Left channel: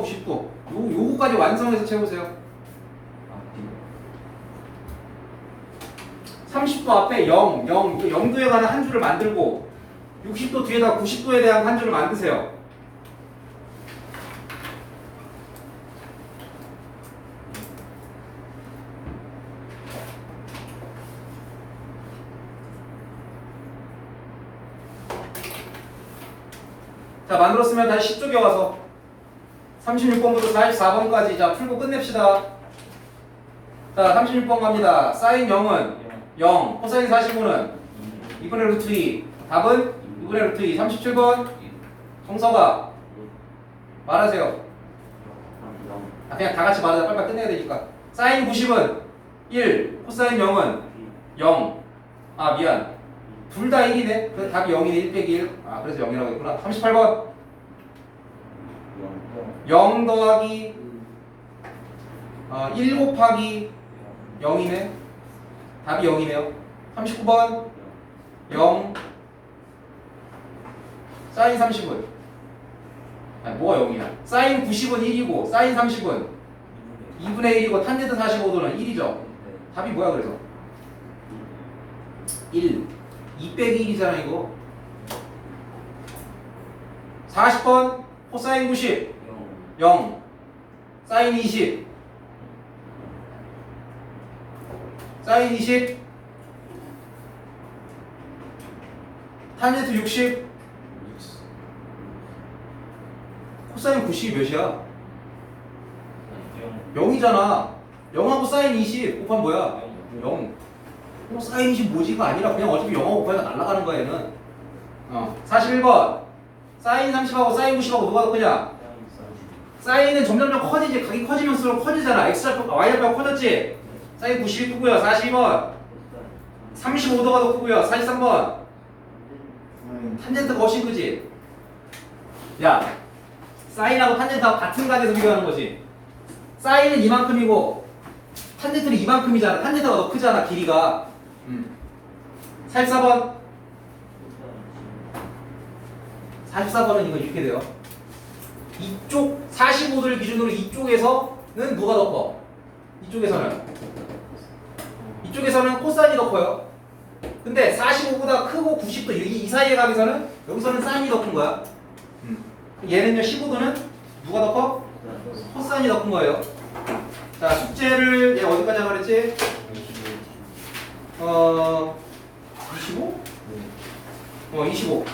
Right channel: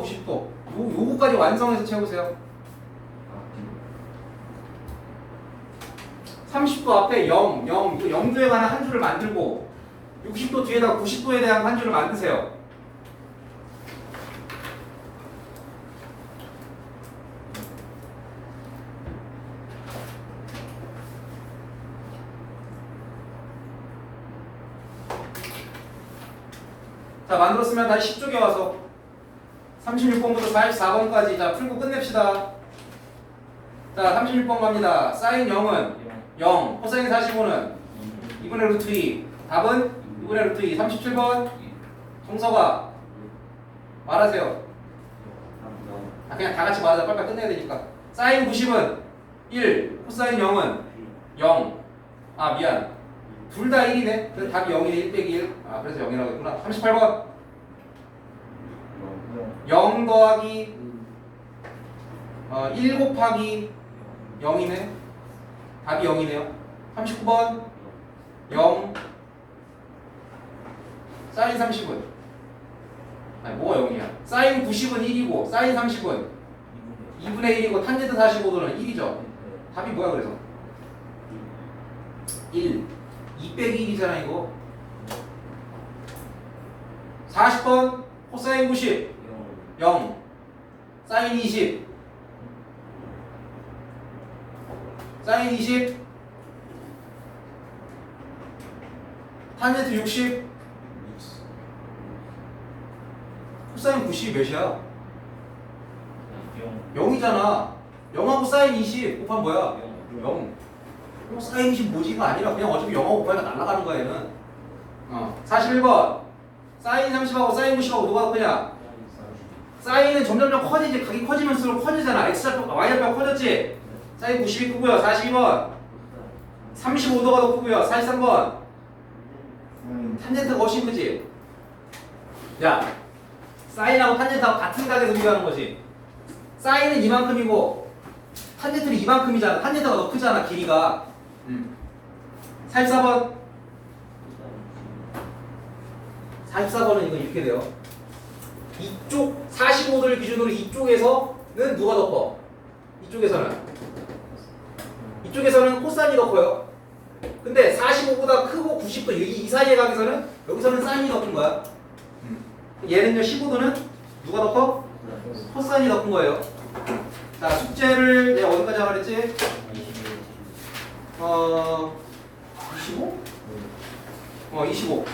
30도와 90도 요, 요거까지 완성해서 채우세요. 30도 앞에 0, 0, 이거 0도에 관한 한 줄을 만들고 60도 뒤에다 90도에 대한 한 줄을 만드세요. 자 만들었으면 다시 10쪽에 와서 36번부터 44번까지. 자 풀고 끝냅시다. 자 36번 갑니다. 사인 0은 0 코사인 45는 2분의 루트 2 답은 2분의 루트 2 37번. 정서가 말하세요. 아, 그냥 다 같이 말하자. 빨리빨리 끝내야 되니까. 사인 90은 1 코사인 0은 0 아 미안. 둘 다 1이네. 그래서 답이 0이네. 1 빼기 1 아 그래서 0이라고 했구나. 38번 0 더하기 어, 1 곱하기 0이네? 답이 0이네요. 39번 0 사인 30은. 아니 뭐가 0이야? 사인 90은 1이고 사인 30은 2분의 1이고 탄젠트 45도는 1이죠. 답이 뭐야 그래서? 1 2 빼기 1이잖아 이거. 40번 코사인 90 0 사인 20 사인 20 탄젠트 60 코사인 90이 몇이야? 0이잖아 0하고 사인 20 곱하면 뭐야? 0 어, 사인 20 뭐지? 이거 아니라 그냥 어차피 0하고 곱하니까 날아가는 거야 얘는 어 41번 사인 30하고 사인 90하고 누가 더 크냐? 사인은 점점점 커지지 각이 커지면서 커지잖아. X좌표 Y좌표 커졌지? 사인 90이 크고요. 42번. 35도가 더 크고요. 43번. 탄젠트가 훨씬 크지? 야 사인하고 탄젠트하고 같은 각에서 비교하는 거지. 사인은 이만큼이고 탄젠트는 이만큼이잖아. 탄젠트가 더 크잖아 길이가. 음. 44번. 44번은 이거 이렇게 돼요. 이쪽 45도를 기준으로 이쪽에서는 누가 더 커? 이쪽에서는 이쪽에서는 코사인이 더 커요 근데 45보다 크고 90도 이, 이 사이의 각에서는 여기서는 사인이 더 큰 거야 음. 얘는요 15도는 누가 더 커? 코사인이 더 큰 거예요 자 숙제를 내가 어디까지 하라 그랬지? 어 25? 어 25.